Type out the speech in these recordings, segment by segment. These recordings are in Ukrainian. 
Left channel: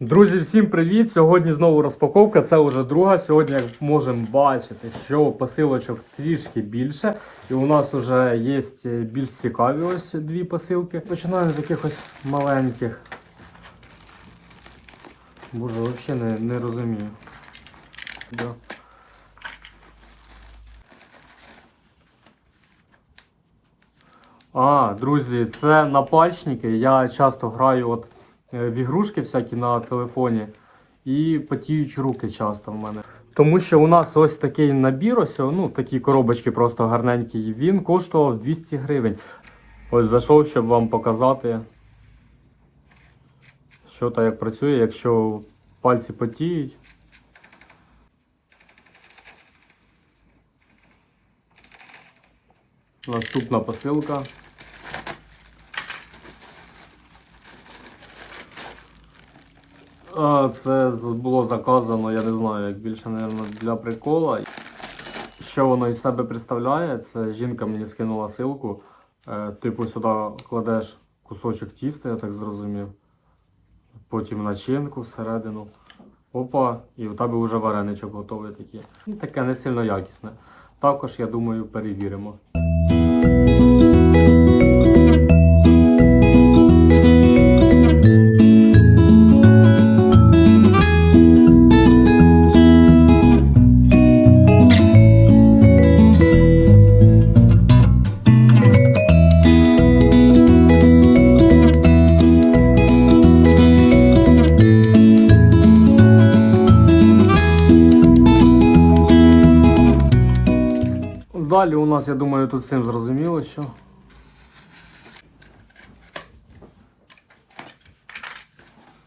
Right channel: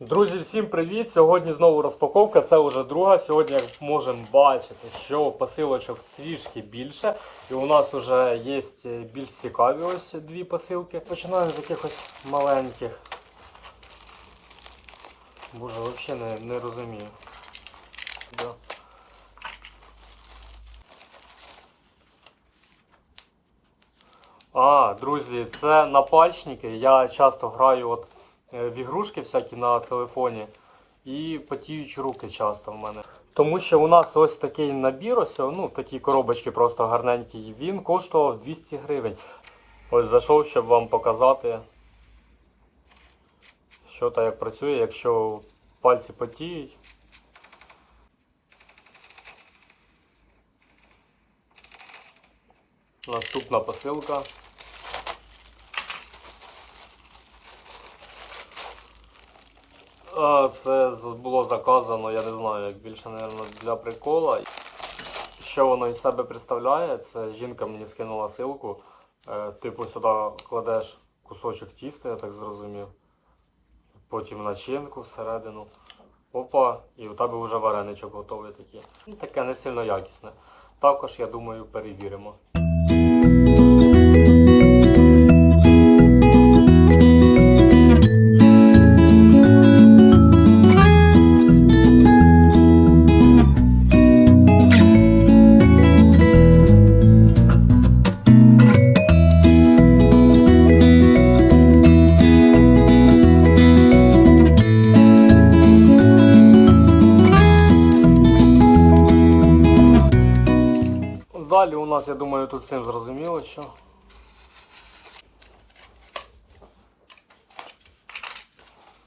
Друзі, всім привіт! Сьогодні знову розпаковка. Це вже друга. Сьогодні, як можемо бачити, що посилочок трішки більше. І у нас вже є більш цікаві ось дві посилки. Починаю з якихось маленьких. Боже, взагалі не, не розумію. А, друзі, це напальчники. Я часто граю от в ігрушки всякі на телефоні і потіють руки часто в мене. Тому що у нас ось такий набір, ось, ну такі коробочки просто гарненькі. Він коштував 200 гривень. Ось зайшов, щоб вам показати, що та як працює, якщо пальці потіють. Наступна посилка. Це було заказано, я не знаю, як більше, мабуть, для прикола. Що воно із себе представляє? Це жінка мені скинула ссылку. Е, Типу сюди кладеш кусочок тіста, я так зрозумів. Потім начинку всередину. Опа, і у тебе вже вареничок готовий такий. Ну, таке не сильно якісне. Також, я думаю, перевіримо.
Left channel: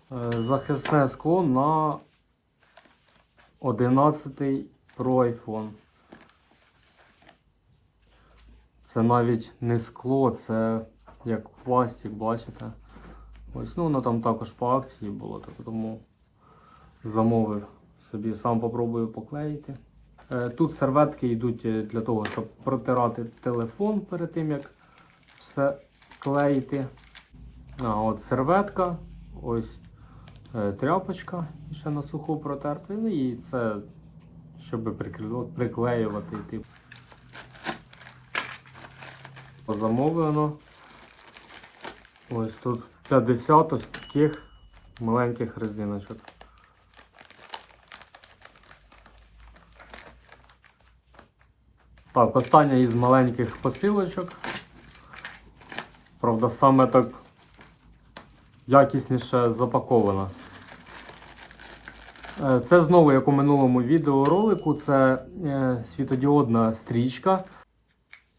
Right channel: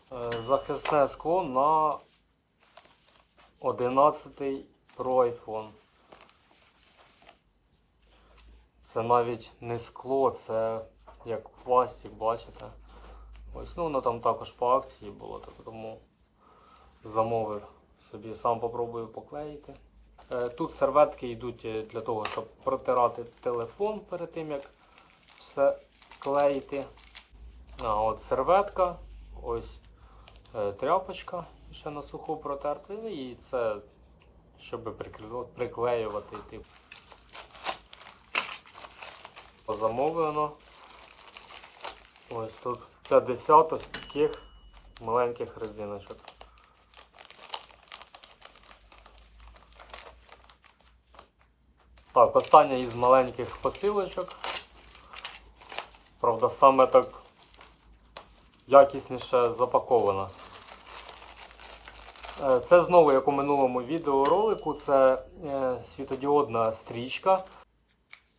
Захисне скло на 11 Pro iPhone. Це навіть не скло, це як пластик, бачите. Ось, ну, воно там також по акції було, так тому замовив собі, сам попробую поклеїти. Е, Тут серветки йдуть е, для того, щоб протирати телефон перед тим, як все клеїти. А, от серветка, ось е, тряпочка і ще на суху протерти. Ну і це, щоб приклеювати. Типу. Замовлено. Ось тут 50 ось таких маленьких резиночок. Так, остання із маленьких посилочок. Правда, саме так якісніше запакована. Е, Це знову, як у минулому відеоролику, це е, світодіодна стрічка.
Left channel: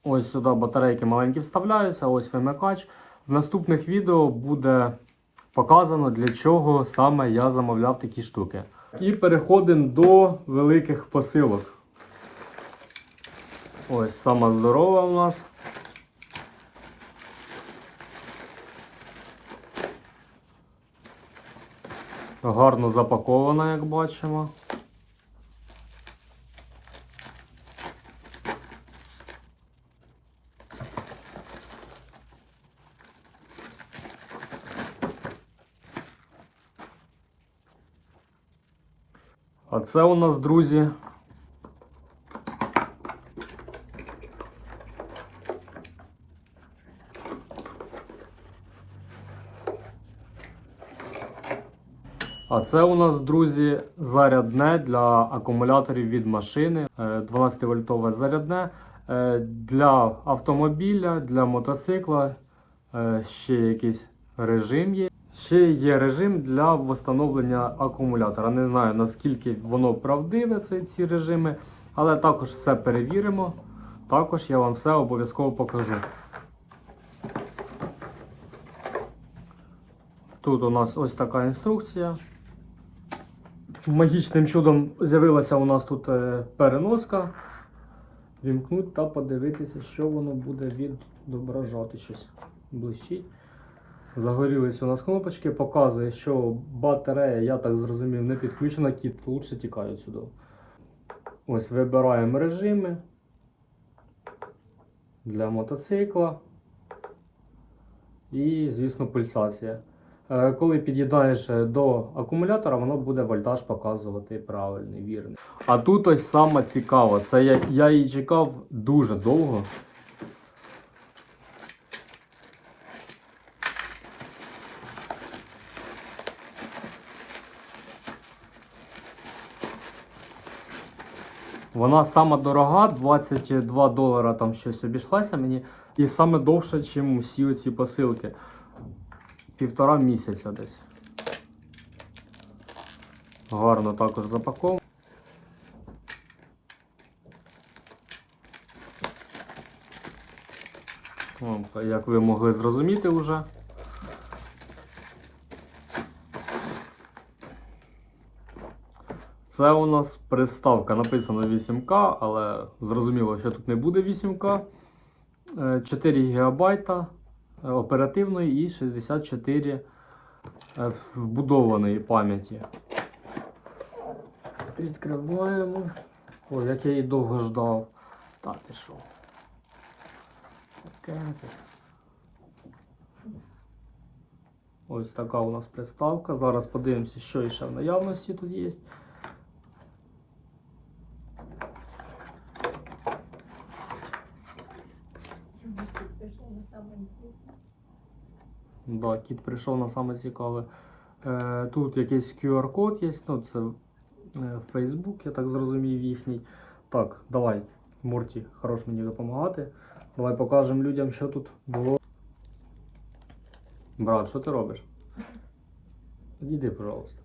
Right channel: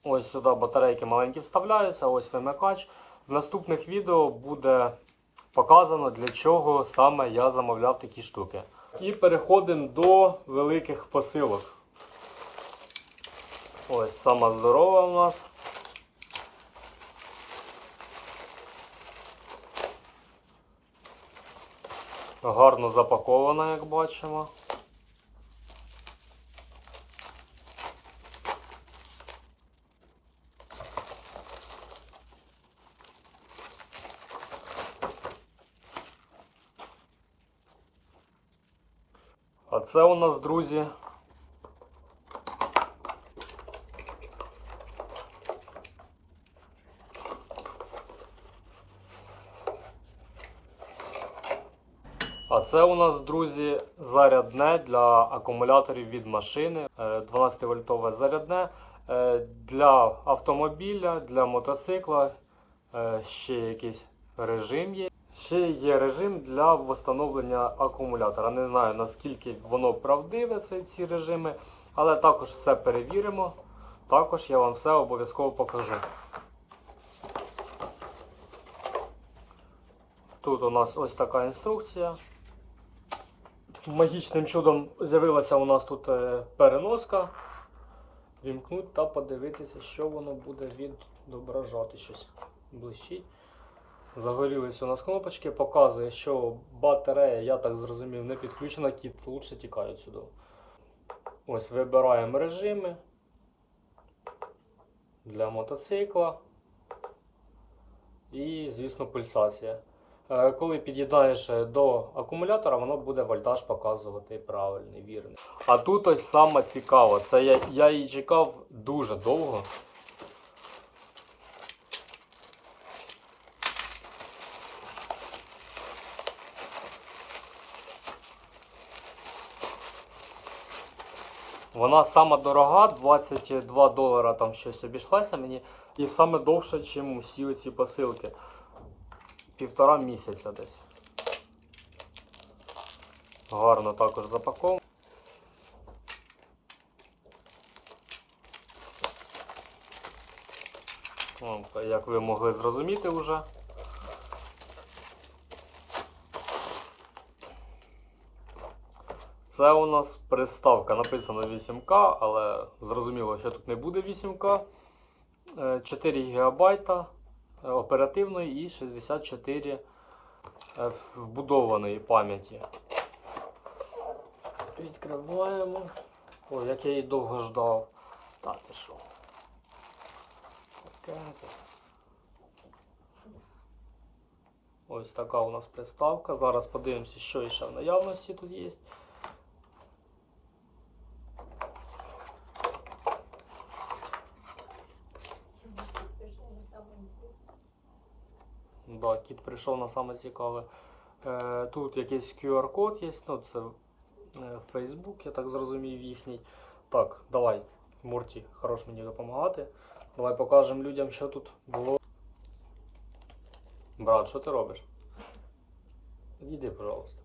Ось сюди батарейки маленькі вставляються, ось вимикач. В наступних відео буде показано, для чого саме я замовляв такі штуки. І переходимо до великих посилок. Ось сама здорова у нас. Гарно запакована, як бачимо. А це у нас, друзі, А це у нас, друзі, зарядне для акумуляторів від машини. 12-вольтове зарядне е, для автомобіля, для мотоцикла. е, Ще якийсь режим є. Ще є режим для встановлення акумулятора. Не знаю наскільки воно правдиве, ці, ці режими, але також все перевіримо. Також я вам все обов'язково покажу. Тут у нас ось така інструкція. Магічним чудом з'явилася у нас тут е, переноска. Вімкнуть та подивитися, що воно буде відображати щось блищить. Загорілись у нас кнопочки, показує, що батарея, я так зрозумів, не підключена, кіт лучше тікає сюди. Ось вибираємо режими для мотоцикла. І, звісно, пульсація. Е, Коли під'єднаєш е, до акумулятора, воно буде вольтаж показувати правильний, вірний. А тут ось саме цікаво. Це я, я її чекав дуже довго. Вона сама дорога, 22 долара там щось обійшлася мені. І саме довше, ніж всі ці посилки. Півтора місяця десь. Гарно також запаковано. От, Як ви могли зрозуміти вже. Це у нас приставка написано 8К, але зрозуміло, що тут не буде 8К. Е, 4 ГБ е, оперативної і 64 е, вбудованої пам'яті. Відкриваємо. О, як я її довго ждав. Так, тут. Ось така у нас приставка. Зараз подивимося, що ще в наявності тут є. Да, кіт прийшов на саме цікаве. Е, тут якийсь QR-код є, ну це е, Facebook, я так зрозумів їхній. Так, давай, Морті, хорош мені допомагати. Давай покажемо людям, що тут було. Брат, що ти робиш? Іди, пожалуйста.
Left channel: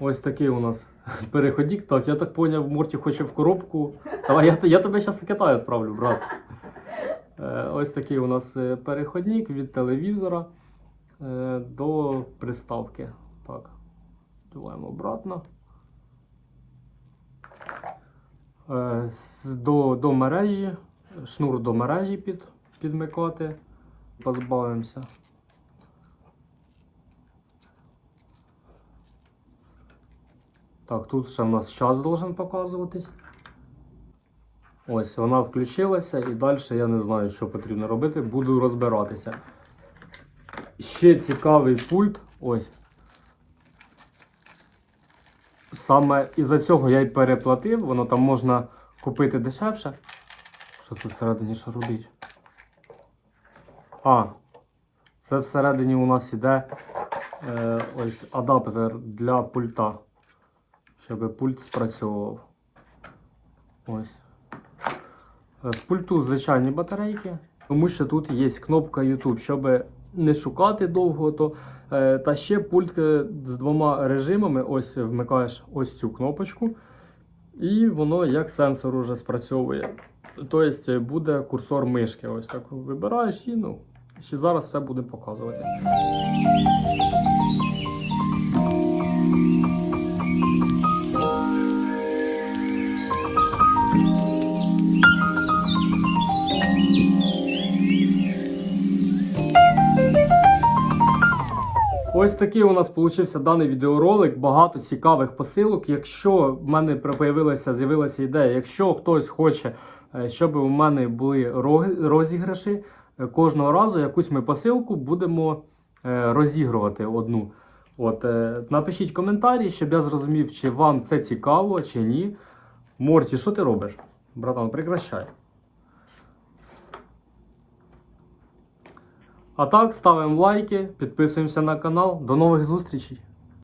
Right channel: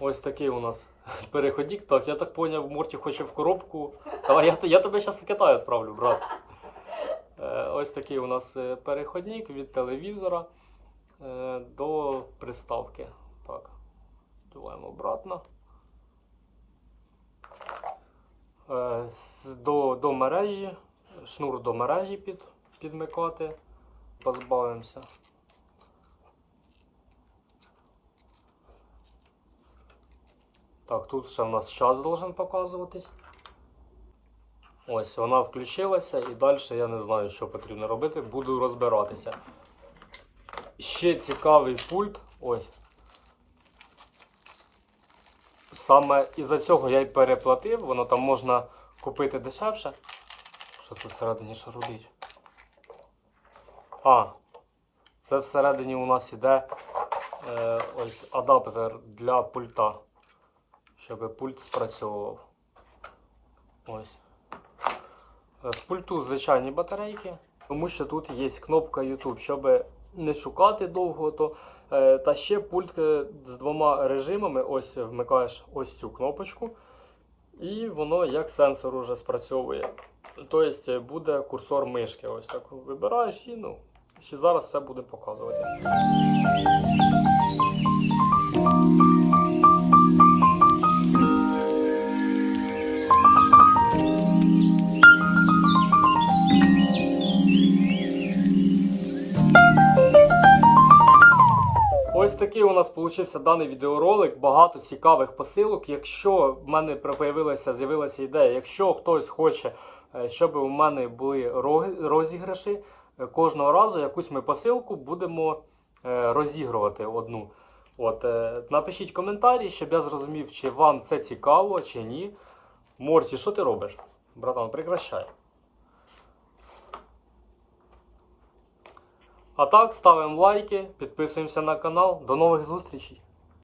Ось такий у нас переходік. Так, я так поняв, Морті хоче в коробку. Давай, я, я тебе зараз в Китай відправлю, брат. Е, Ось такий у нас е, переходник від телевізора е, до приставки. Так, вдуваємо обратно. До, до мережі, шнур до мережі під, підмикати. Позбавимося. Так, тут ще у нас час должен показуватись. Ось вона включилася і далі я не знаю, що потрібно робити. Буду розбиратися. Ще цікавий пульт. Ось. Саме із-за цього я й переплатив, воно там можна купити дешевше. Що це всередині шарудить? А, це всередині у нас іде е, ось адаптер для пульта, щоб пульт спрацьовував. Ось. Е, В пульту звичайні батарейки, тому що тут є кнопка YouTube, щоб не шукати довго. То, е, та ще пульт е, з двома режимами. Ось вмикаєш ось цю кнопочку, і воно як сенсор уже спрацьовує. Тобто е, буде курсор мишки. Ось так вибираєш і ну, ще зараз все буде показувати. Такий у нас получився даний відеоролик. Багато цікавих посилок. Якщо в мене появилася, з'явилася ідея, якщо хтось хоче, е, щоб у мене були розіграші, е, кожного разу якусь ми посилку будемо е, розігрувати одну. От, напишіть коментарі, щоб я зрозумів, чи вам це цікаво, чи ні. Морті, що ти робиш? Братан, прекращай. А так, ставимо лайки, підписуємося на канал. До нових зустрічей!